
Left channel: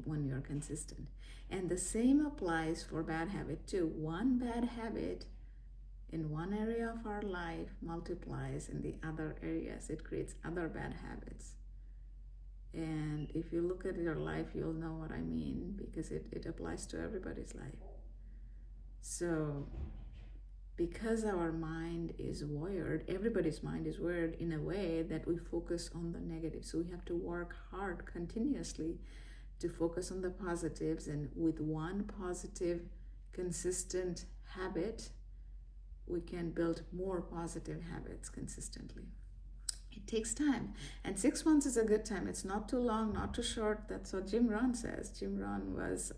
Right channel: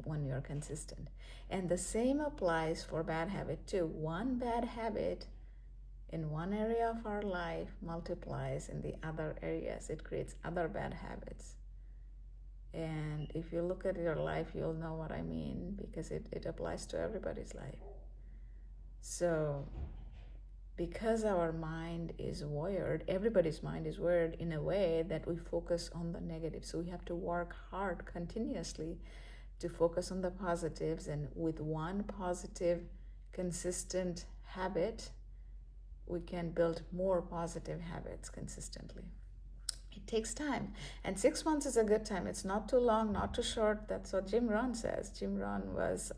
when you're consistent. And the same applies for bad habit too. One bad habit in one area of our life multiplies in the other areas. It creates other bad habits. And if you look at your life, you'll know what I mean, because it applies to everybody's life. So because our mind is wired, everybody's mind is wired in a way that we focus on the negative. So we have to work hard continuously to focus on the positives. And with one positive, consistent habit, we can build more positive habits consistently. It takes time, and 6 months is a good time. It's not too long, not too short. That's what Jim Rohn says. Jim Rohn was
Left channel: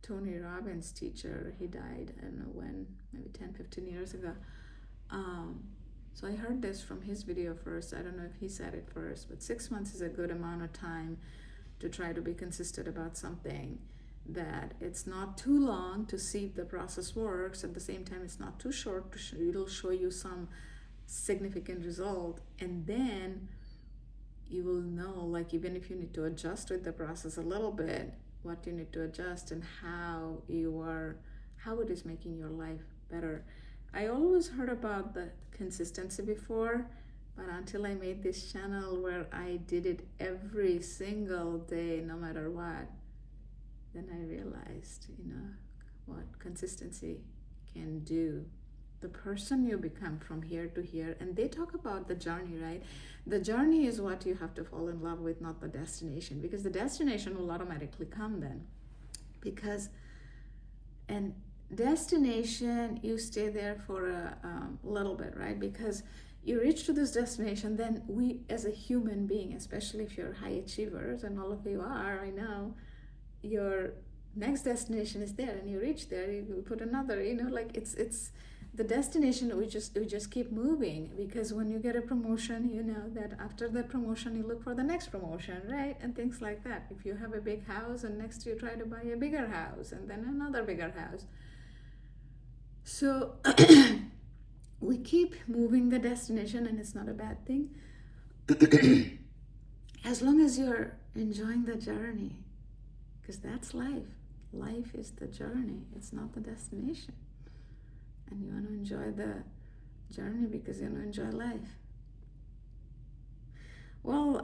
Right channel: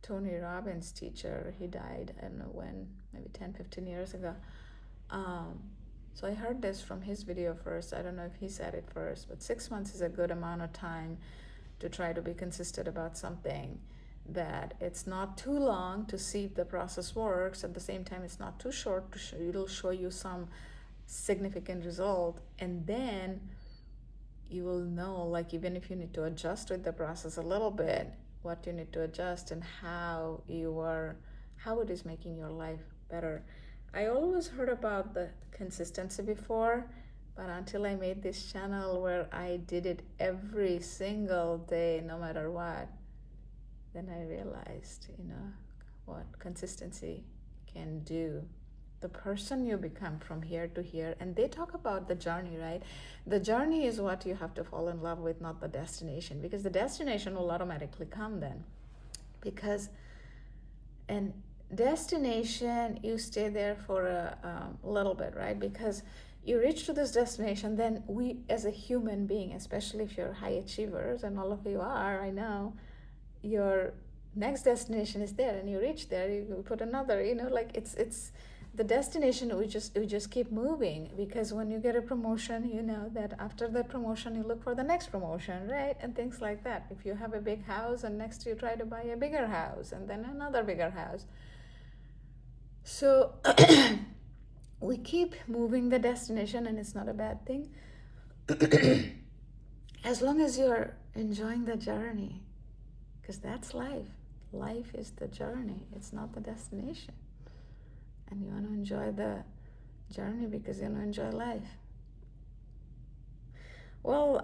Tony Robbins' teacher. He died, I don't know when, maybe 10-15 years ago. So I heard this from his video first. I don't know if he said it first, but 6 months is a good amount of time to try to be consistent about something. That it's not too long to see if the process works. At the same time, it's not too short. It'll show you some significant result, and then you will know, like, even if you need to adjust with the process a little bit, what you need to adjust and how it is making your life better. I always heard about the consistency before, but until I made this channel where I did it every single day, no matter what, then I realized, what consistency can do. The person you become from here to here, and they talk about the journey, right? The journey is what you have to fall in love with, not the destination, because the destination will automatically come then. And destination, you stay there for a little bit, right? Because you reach to this destination, then we as a human being, especially if you're high achievers, and all of you are, I know, your next destination is there, and you reach there, you put another, the destination, we just keep moving, because when you get a promotion, you know that after that promotion you look for the next promotion, right? And things like that. If you have a big house and next you try to buy a bigger house and then another bigger house. So we keep moving the destination, and it's not a bad thing as long as you're enjoying the journey, because that's life. Life is the journey, it's not the destination. And you want to enjoy the journey because you want to enjoy life. Well,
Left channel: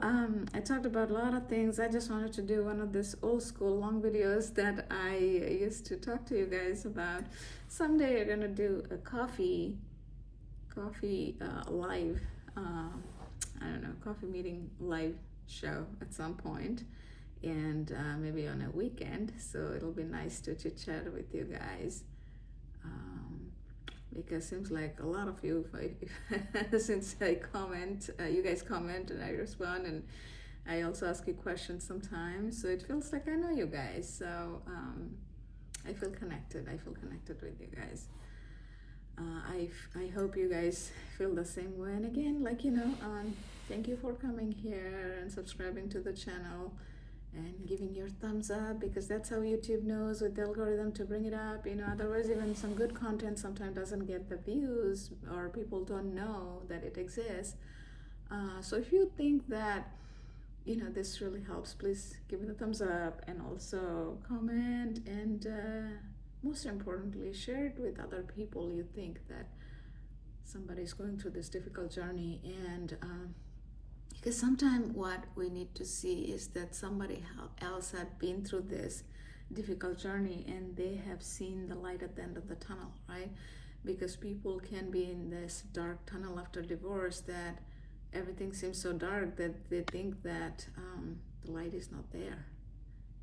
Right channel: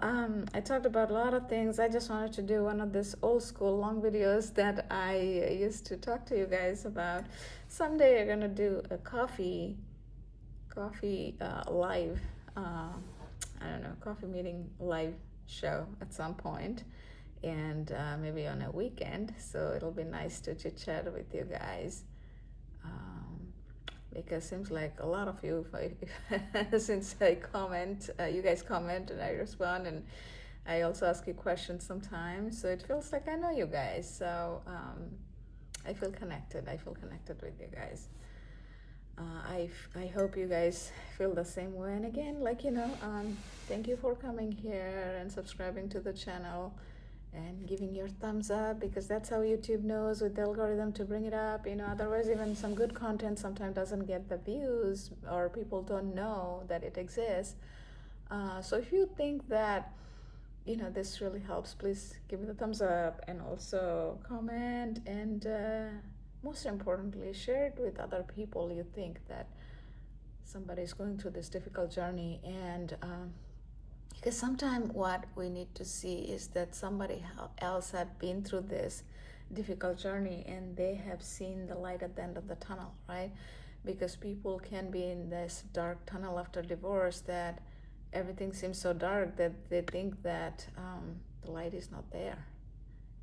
I talked about a lot of things. I just wanted to do one of these old school long videos that I used to talk to you guys about. Someday I'm gonna do a coffee live, I don't know, coffee meeting live show at some point, and maybe on a weekend. So it'll be nice to chit chat with you guys. Because it seems like a lot of you, since I comment, you guys comment and I respond, and I also ask you questions sometimes, so it feels like I know you guys. So I feel connected. I feel connected with you guys. I hope you guys feel the same way. And again, like, thank you for coming here and subscribing to the channel and giving your thumbs up, because that's how YouTube knows with the algorithm to bring it up. Otherwise even some good content sometimes doesn't get the views, or people don't know that it exists. So if you think that this really helps, please give it a thumbs up, and also comment, and most importantly, share it with other people you think that somebody's going through this difficult journey. And because sometimes what we need to see is that somebody else had been through this difficult journey and they have seen the light at the end of the tunnel, right? Because people can be in this dark tunnel after divorce, that everything seems so dark that they think that the light is not there.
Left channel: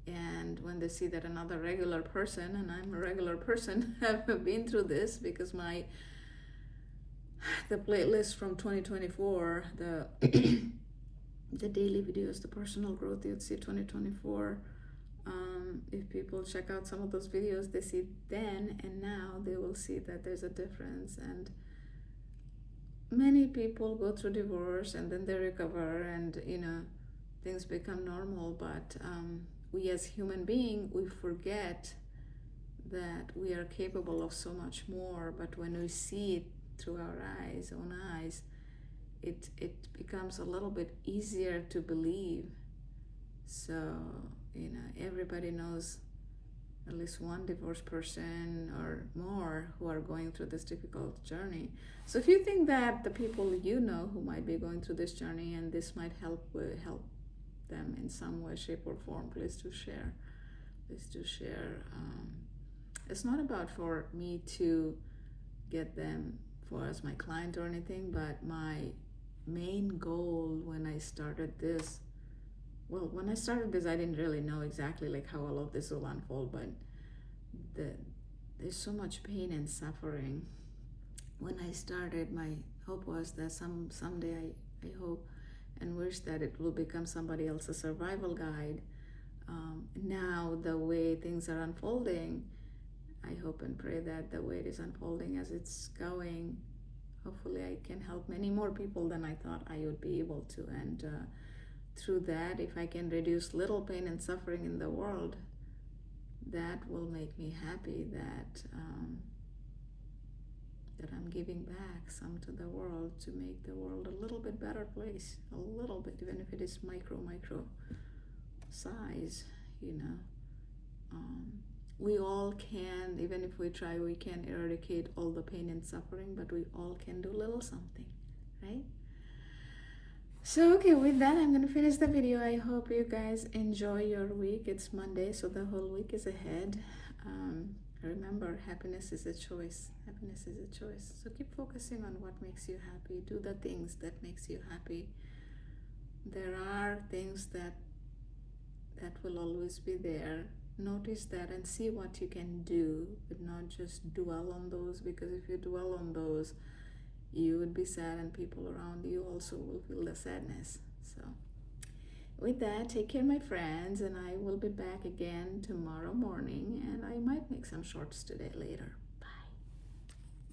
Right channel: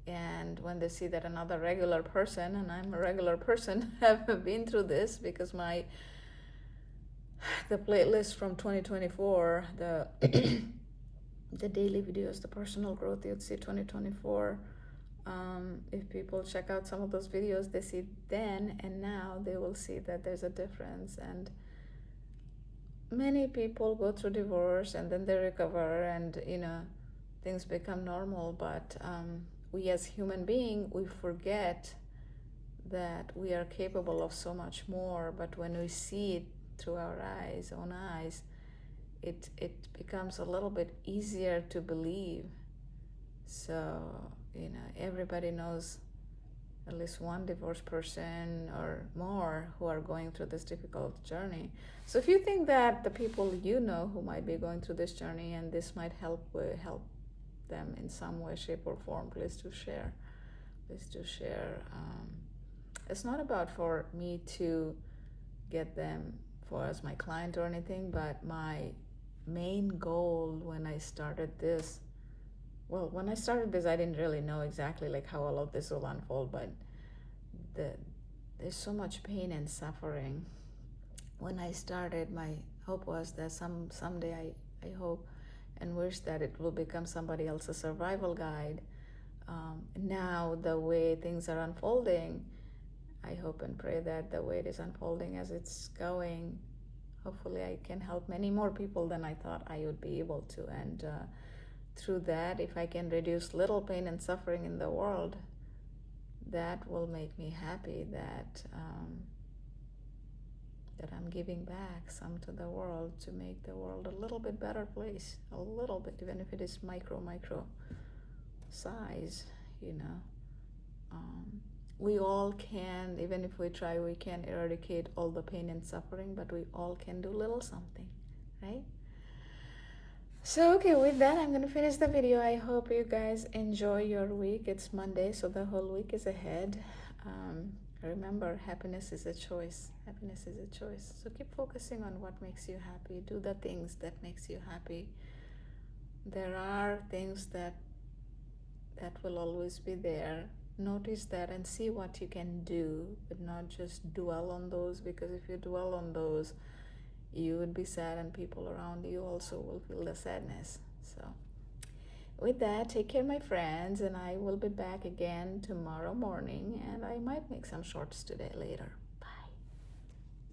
And when they see that another regular person, and I'm a regular person, have been through this, because the playlist from 2024, the daily videos, the personal growth, you'd see 2024. If people check out some of those videos, they see then and now, they will see that there's a difference. And many people go through divorce and then they recover, and things become normal. But we as human beings, we forget that we are capable of so much more. But when we see it through our own eyes, it becomes a little bit easier to believe. So everybody knows at least one divorced person or more who are going through this difficult journey. So if you think that the people who might be going through this journey, and this might help them in some way, shape, or form, please do share. It's not about for me to get them as my client or anything, but my main goal when I started this, I didn't really know exactly like how all of this will unfold, but there's so much pain and suffering. When I started, my hope was that someday I hope and wish that it will become somebody else's survival guide. Now the way things are unfolding, I hope and pray that the way it is unfolding as it's going, hopefully I can help many more people than I thought I would be able to. And through that, if I can reduce little pain and suffering in the world, that will make me happy, that I'm giving back some to the world to make the world a little bit better place, a little bit, even if it is micro size, we all can, even if we try, we can eradicate all the pain and suffering, but we all can do little something, right? So, okay, with that, I'm going to finish the video. I hope you guys enjoy your week. It's Monday, so the whole week is ahead. Remember, happiness is a choice. Happiness is a choice. So keep focusing on what makes you happy. Do the things that makes you happy. There are things that will always be there. Notice that and see what you can do, but not just dwell on those, because if you dwell on those, you would be sad, and people around you also will feel the sadness. So with that, take care, my friends, and I will be back again tomorrow morning, and I might make some shorts today later.